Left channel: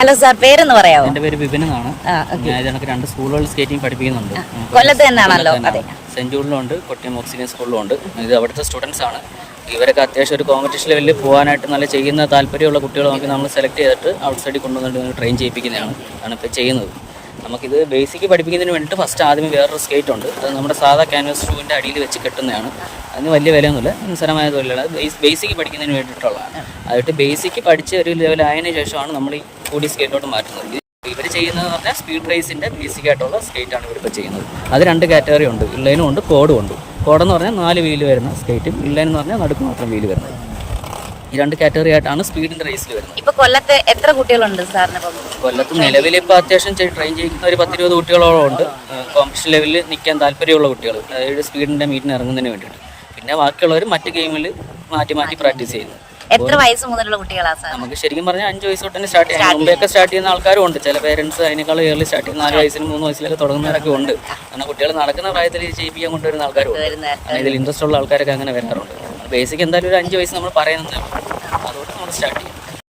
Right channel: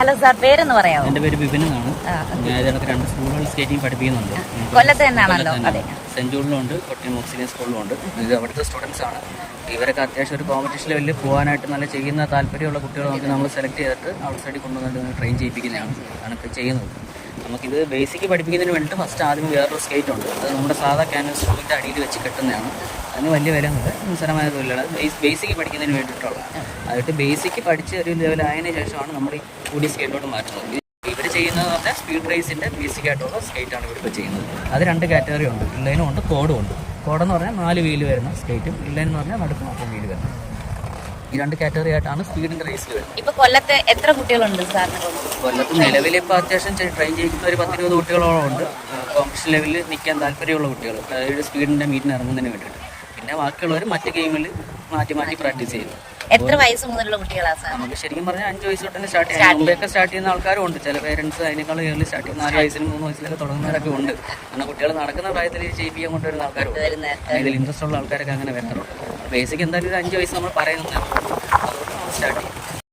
Hello sir, പേരെന്ന് പറയാമോ? എൻ്റെ പേര് വിപിൻ എന്നാണ്. ഞാൻ ഇതിനകത്ത് 2 സ്കൂളുകളിൽ സ്കേറ്റിംഗ് പഠിപ്പിക്കുന്നുണ്ട്. കൊല്ലത്ത് തന്നെയാണല്ലോ? അതെ. സെൻറ് ജൂണിലുണ്ട്, കൊട്ടിയം ഓക്സിജൻ സ്കൂളിലുണ്ട്. ഇത് അവിടുത്തെ സ്റ്റുഡൻസ് ആണ്. ഇവരൊക്കെ അത്യാവശ്യം ഒരു കോമ്പറ്റീഷൻ ലെവലിൽ പോകാനായിട്ട് നല്ല ചെയ്യുന്ന താല്പര്യമുള്ള കുട്ടികളെ നമുക്ക് നമ്മൾ സെലക്ട് ചെയ്തിട്ട് ഔട്ട് സൈഡിൽ കൊണ്ടുവന്നിട്ട് നമ്മൾ ട്രെയിൻ ചെയ്യിപ്പിക്കുന്നതാണ് ഇപ്പോൾ ചെയ്യുന്നത്. നമുക്കിത് ബേസിക് പഠിപ്പിക്കുന്നതിന് വേണ്ടിയിട്ട് ഫസ്റ്റ് ആദ്യമേ വേറൊരു സ്കേറ്റ് ഉണ്ട്. അത് നമ്മുടെ സാധാ ക്യാൻവാസ് ഷൂവിൻ്റെ അടിയിൽ വെച്ച് കെട്ടുന്നതാണ്. അതിന് വലിയ വിലയൊന്നുമില്ല, നിസ്സാരമായ തൊഴിലാണ്. ബേസിക് പഠിക്കുന്നതിന് വേണ്ടിയിട്ടുള്ളതാണ്. അതിട്ട് ബേസിക് പഠിച്ച് ഒരു ലെവലായതിനു ശേഷമാണ് നമ്മൾ ഈ കൂടി സ്കേറ്റിലോട്ട് മാറ്റുന്നത്. ഇവർ ചെയ്യുന്നതെന്ന് പറഞ്ഞാൽ സ്പീഡ് റേസിൻ്റെ ബേസിക് ആയിട്ടുള്ള സ്കേറ്റാണ് ഇവരിപ്പോൾ ചെയ്യുന്നത്. അത് 2 കാറ്റഗറി ഉണ്ട്, ഇൻലൈനും ഉണ്ട്, കോഡും ഉണ്ട്. കോഡെന്ന് പറഞ്ഞാൽ 4 വീല് വരുന്ന സ്കേറ്റും, ഇൻലൈൻ എന്ന് പറഞ്ഞാൽ നടുക്ക് മാത്രം വീല് വരുന്നത്. ഈ 2 കാറ്റഗറി ആയിട്ടാണ് സ്പീഡിൻ്റെ റേസിൽ വരുന്നത്. ഇപ്പൊ കൊല്ലത്ത് എത്ര കുട്ടികളുണ്ട് സാറിന്? കൊല്ലത്ത് നിലവിൽ ഇപ്പോൾ അത്യാവശ്യം ട്രെയിൻ ചെയ്യുന്ന ഒരു 10-20 കുട്ടികളോളം ഉണ്ട്. കോമ്പറ്റീഷൻ ലെവലിൽ നിൽക്കാൻ താല്പര്യമുള്ള കുട്ടികൾ, അതായത് സ്പീഡിൻ്റെ മീറ്റിന് ഇറങ്ങുന്നതിന് വേണ്ടിയിട്ട്. പിന്നെ ബാക്കിയുള്ളവർ മറ്റ് ഗെയിമിൽ മാറ്റി പ്രാക്ടീസ് ചെയ്യുന്നു. എത്ര വയസ്സ് മുതലുള്ള കുട്ടികളാണ് സാർ? നമുക്ക് ശരിക്കും പറഞ്ഞാൽ 5 വയസ്സ് തൊട്ട് തന്നെ സ്റ്റാർട്ട് ചെയ്യാം. മുമ്പൊക്കെ സ്റ്റാർട്ട് ചെയ്യുന്ന ആൾക്കാരും ഉണ്ട്. ചില പേരൻസ് അതിനേക്കാൾ ഏർലി സ്റ്റാർട്ട് ചെയ്യുന്ന 4 വയസ്സിനും 3 വയസ്സിലൊക്കെ തുടങ്ങുന്നവരൊക്കെ ഉണ്ട്. കാരണം കുട്ടികൾ നടക്കുന്ന പ്രായത്തിൽ ചെയ്യിപ്പിക്കാൻ കൊണ്ടുവരുന്ന ആൾക്കാരും ഇതിൽ ഇൻട്രസ്റ്റ് ഉള്ള ആൾക്കാരൊക്കെ അങ്ങനെ വരാറുണ്ട്. ബേസിക് എന്തായാലും ഒരു 5 വയസ്സ് നമ്മൾ പറയുന്നത് അതുകൊണ്ട് നമ്മൾ സ്റ്റാർട്ട് ചെയ്യും.